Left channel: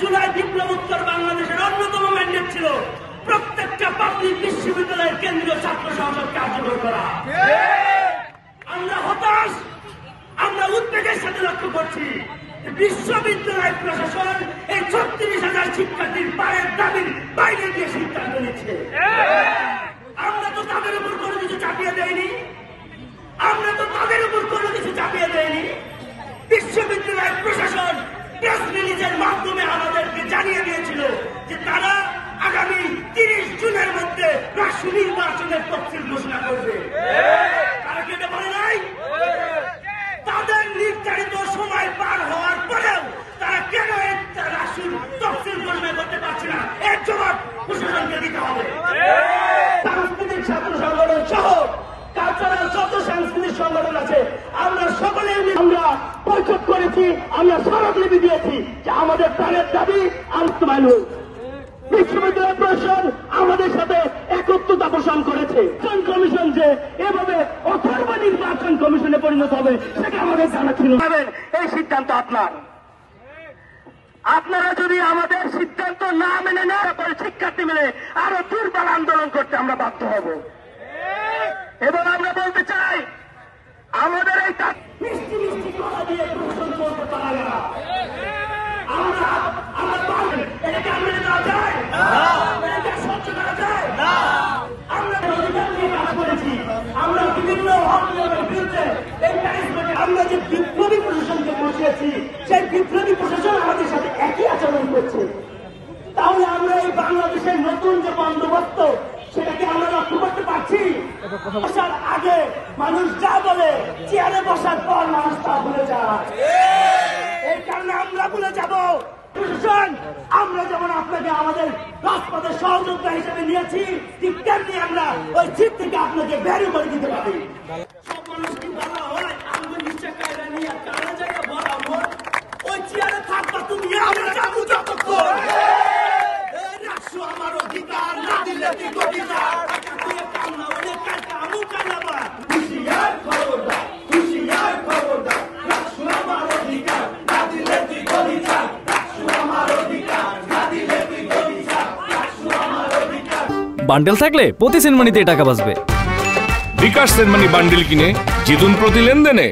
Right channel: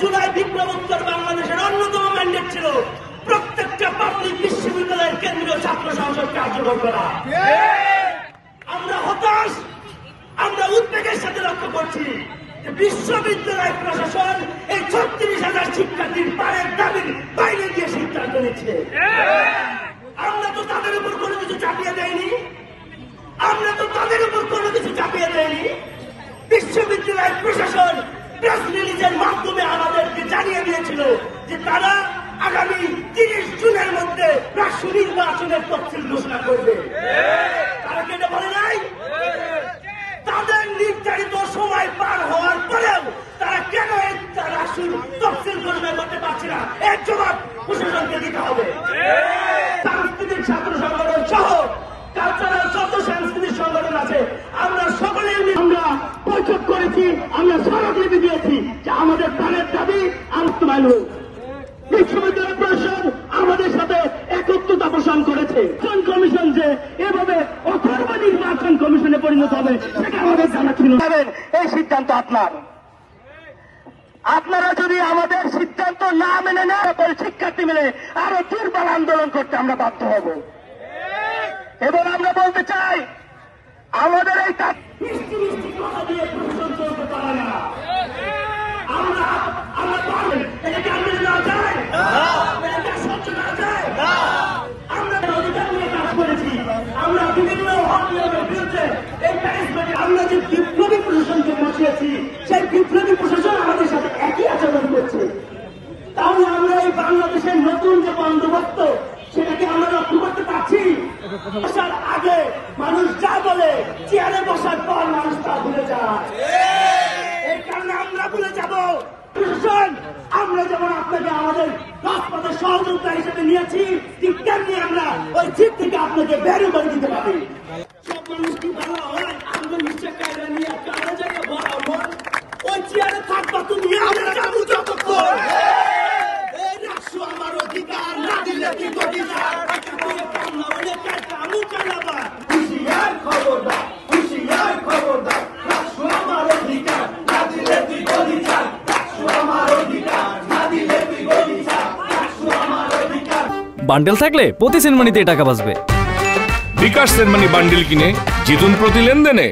জুলাই বিপ্লবোত্তর বাংলাদেশের অন্যতম ম্যান্ডেট ছিল প্রত্যেকটা পাবলিক বিশ্ববিদ্যালয়ের কেন্দ্রীয় ছাত্র সংসদ কার্যকর করা। আমরা হতাশ, আমরা উদ্বেগের সাথে লক্ষ্য করছি বিশ্ববিদ্যালয় প্রশাসন এই 36,000 শিক্ষার্থীর পায়ের দাবির বাইরে গিয়ে সিদ্ধান্ত নিচ্ছে। আমরা তো তাদের উপর কোনো কিছু চাপিয়ে দেয়নি, বিশ্ববিদ্যালয় প্রশাসন প্রেস রিলিজের মাধ্যমে আমাদেরকে জানিয়ে দিয়েছিল যে তারা আগামী 30 জুনের মধ্যে রাষ্ট্র নির্বাচনের তফসিল ঘোষণা করবে। তারা কি এটা বলে নাই? তাদের নির্ধারিত সময় পার হওয়ার পরেও তারা কেন রাষ্ট্র তফসিল ঘোষণা করতে পারছে না? এর জবাব প্রশাসনকে দিতে হবে। সাংস্কৃতিক ছাত্র সংগঠন সহ কালচারাল যত সাংস্কৃতিক সংগঠন আছে আমরা সকলেই আমরা বৈঠক করেছি, আমরা স্মারকলিপি দিয়েছি যে আমাদের প্রাণের দাবি বাস্তবায়ন হোক। বিশ্ববিদ্যালয় প্রশাসন আমাদের সাথে একত্রতা পোষণ করেছে। কমিশন যে এভাবে অথর্ব নির্বাচন কমিশনে পরিণত হবে সেটা আমাদের জানা ছিল। এই সিদ্ধান্ত আপনারা যদি আমাদের সিদ্ধান্ত না মেনে নেন, শিক্ষার্থী মেনে আরো দুর্বল আন্দোলন করতে আমরা বাধ্য হব। এবং আমরা বলতে চাই আমাদের এই কথা দিয়ে প্রশাসন করতে পারে না। আমরা অধিকার নিয়ে কাজ করেছি, আমরা বিভিন্ন নিয়মের বিরুদ্ধে আমরা যে বিপ্লবী প্রশাসনকে বসিয়েছি সেই বিপ্লবী প্রশাসন আমাদের সাথে একই আচরণ করছে। তাহলে আমরা এই বাংলাদেশের নতুন যে বন্দোবস্ত সেটাকে আমরা লক্ষ্য করতে পারছি। বসার আগে মানুষ যা বলে, চেয়ারে বসার পর মানুষ তা ভুলে যায়। এই কারণে আমরা ভুলে যাব। প্রশাসন আমরা যেমন আপনাকে আমাদের রাজপথের সহযোগিতা হিসেবে নিয়েছি, ঠিক তেমনি আমরা ওই সিট থেকে আপনাকে বের করে দিতে পারি। সব মানুষ কি ভালো হয়? আমরা নিচে কায়দা নিয়ে তারা জায়গায় বরাবর ওই চেয়ারে থাকবা তুমি, আমরা যাবো যতক্ষণ। আমার অধিকার না দিলে কি অধিকার হুশিয়ার খবরদার, হুশিয়ার খবরদার, আমার অধিকার না দিলে তুই অধিকার, আমার অধিকার না দিলে তুই অধিকার, আমার অধিকার। বান্ডেল থাকলে প্রতি সেনমানিতে টাকা বাঁচবে। বিকাশ সেনমানি বান্ডেল কিনে জিতুন প্রতি লেনদেনে।